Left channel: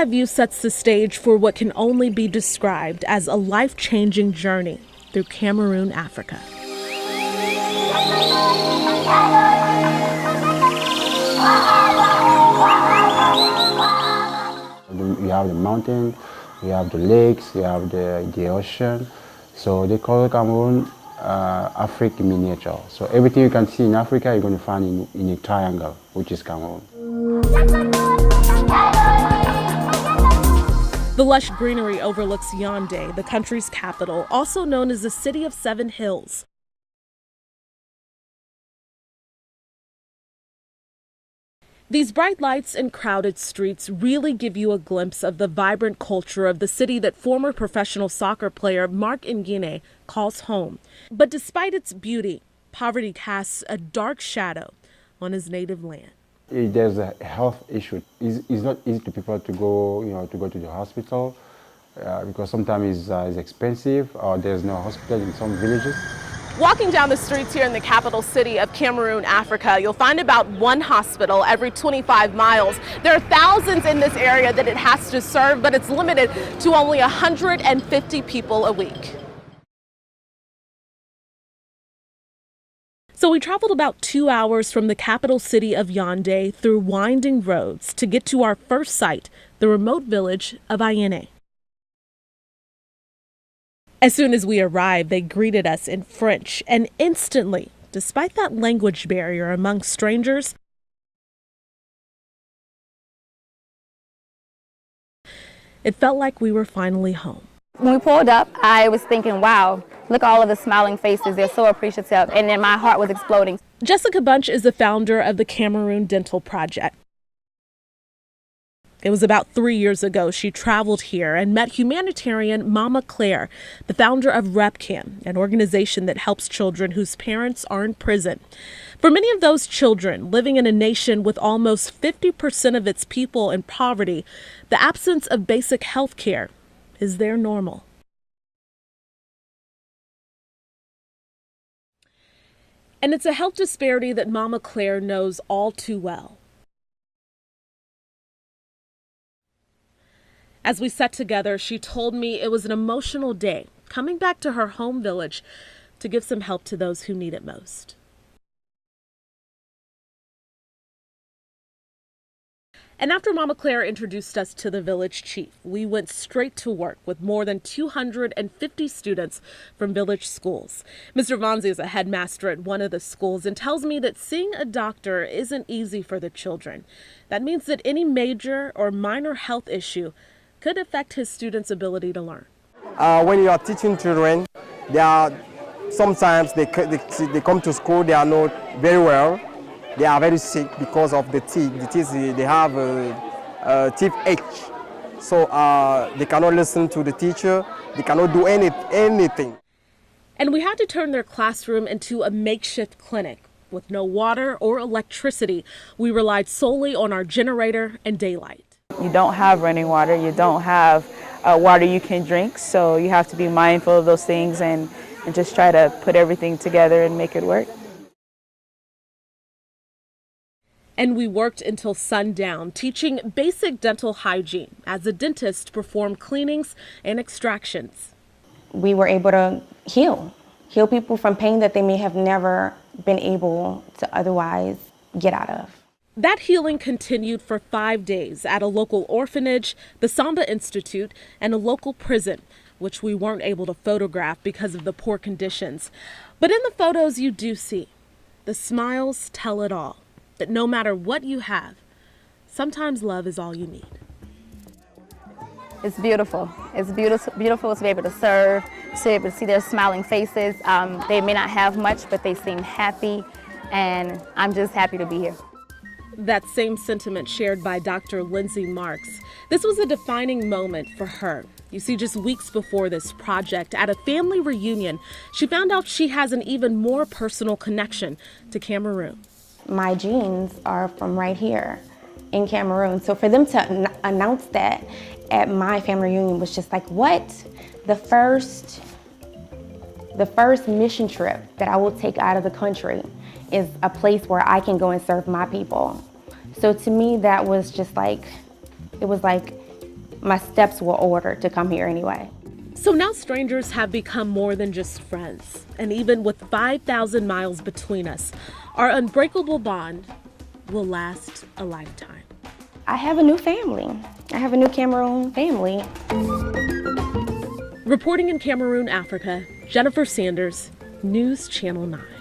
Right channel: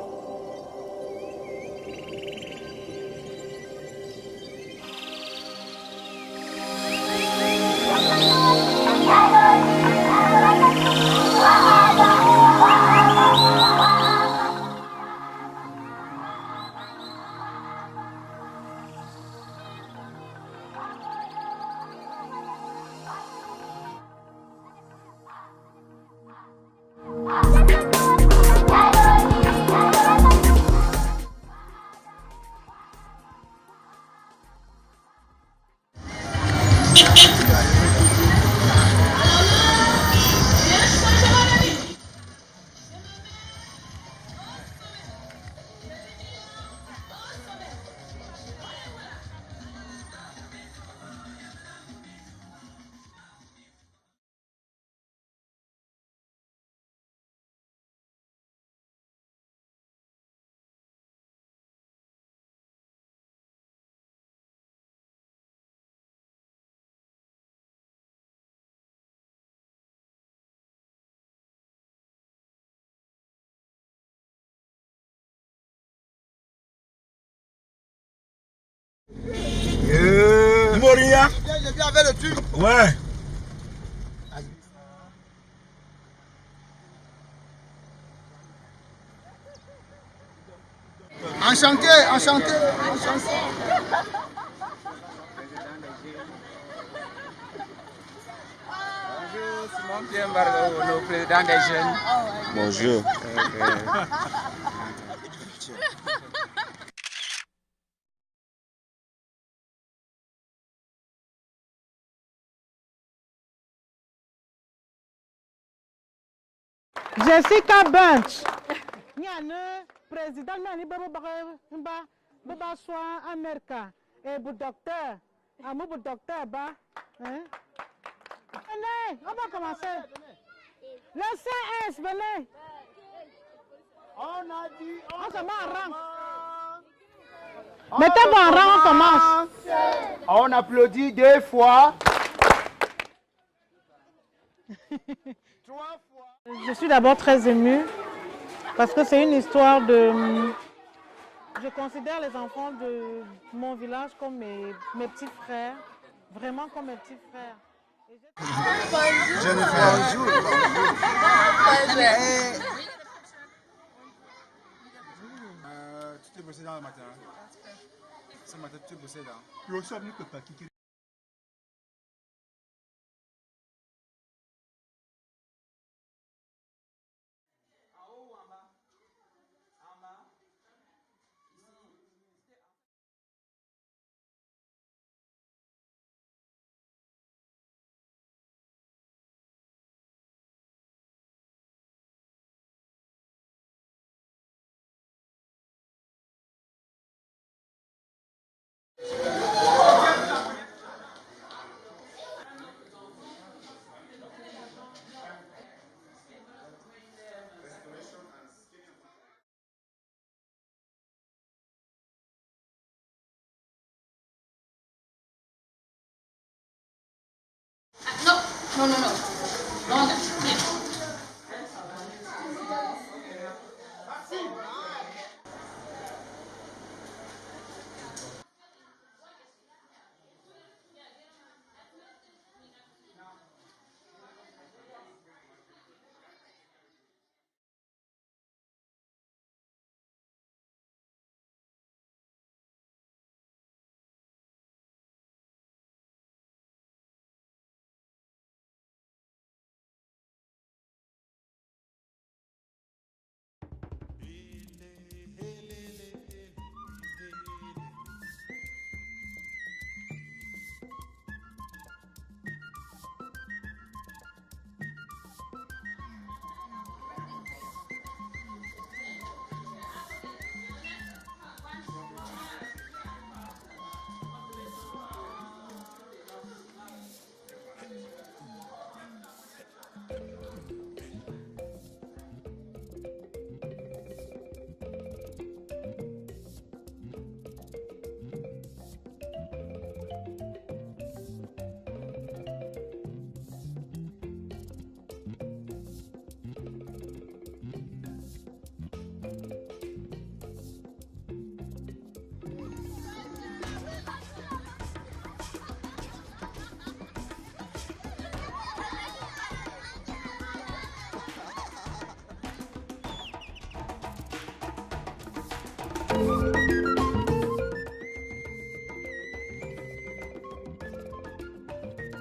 eye view sets the stage for what can only be described as a life-changing journey through Cameroon, Africa. We have the mountain, we have the lakes, we have the ocean. So they call Cameroon Africa miniature. So everything you can see in Africa, you're going to find in a triangle, which is Cameroon. The lush greenery overlooks Yaoundé, the country's capital, also known as the City of Seven Hills. These bright lights and crowded streets really give you a glimpse of the vibrant culture of the city that former professional soccer player Marc Nguyen calls home. But despite its beauty, poverty casts a dark shadow on his native land. There's a health issue. It's not easy to people to go, to go to the hospital because sometimes it's expensive or there's no hospital in some villages. Walking down the streets here in the capital city of Cameroon, Africa, you'll find about one hospital every 25 miles. There are thousands in this area that it has to serve, but it's limited to only 150 people a week. So we traveled about 2 hours from the capital city of Yaoundé through winding roads to get to our first site, the remote village of Ayene. As soon as we arrived, they greeted us in French, and instantly, despite that language barrier among strangers, it felt like we were finally home. When we pulled up, I was thinking, wow, look at all of the smiling faces. They're so appreciative. And then my heart was exploding. Jessica Bunch is the founder of the Cameroon Dental Project. Jessica Bunch. It was about 3 years ago she traveled here and met humanitarian Mama Claire, the founder of RepCam, an organization that helps children whose parents are in prison. For many of those children living in a nation with almost 50% of its people in poverty, the absence of basic health care is their normal. And it's a health disparity that Mama Claire knows all too well. As we sat together, she told me it was an emotional day, coming back to her home village to give some help to those who need it most. And after Mama Claire introduced us to the village chief, we went straight to work with more than 250 students from village schools. Mr. Vanzi is a headmaster at one of the schools and tells me that seeing a doctor isn't easy for the children. That means that any major or minor health issue could affect his students' ability to learn. When you are teaching children, sometimes they come to school, they are not very well. They are very sick because of the teeth. The teeth, they have a teeth ache. So they cannot listen to the teacher. They cannot do anything. And we had to turn their classroom into a makeshift clinic. With no water or electricity, we relied solely on our generator and daylight. You don't have running water. You don't have water you can drink. So you have to be mindful of those things and just try to put everything together and make it work. No. And we worked until sundown, teaching basic dental hygiene as a dentist performed cleanings and extractions. We were able to heal people from pain that they may have never been able to otherwise get out of. That healing continued for 5 days at a local orphanage, the Samba Institute, and a local prison, which we weren't able to photograph because of the poor conditions. But in the photos you do see, the smiles tell it all, that no matter what you have, sometimes love is all you need. It's beautiful. It's beautiful to be able to serve, to be able to see their smiling faces. They may not have much, but they seem happy, and I'm just happy to be here. That same sentiment shared by Dr. Lindsay Marks. This was a defining moment for her. You see, just weeks before this project, at a family reunion, she found out she has an even more personal connection to Cameroon. My genes are from right here in Cameroon. So for them to announce that at my family reunion was just like, what? The first mission trip that I will take out of the country is a place where I can go and serve my people. So to me, that was just like, it was like my steps were ordered to come here anyway. So now strangers have become more than just friends. And even with 5,000 miles between us, our unbreakable bond will last a lifetime. I have a new family. I have a new Cameroon family. Reporting in Cameroon, Africa, Jennifer Sanders, News Channel 9.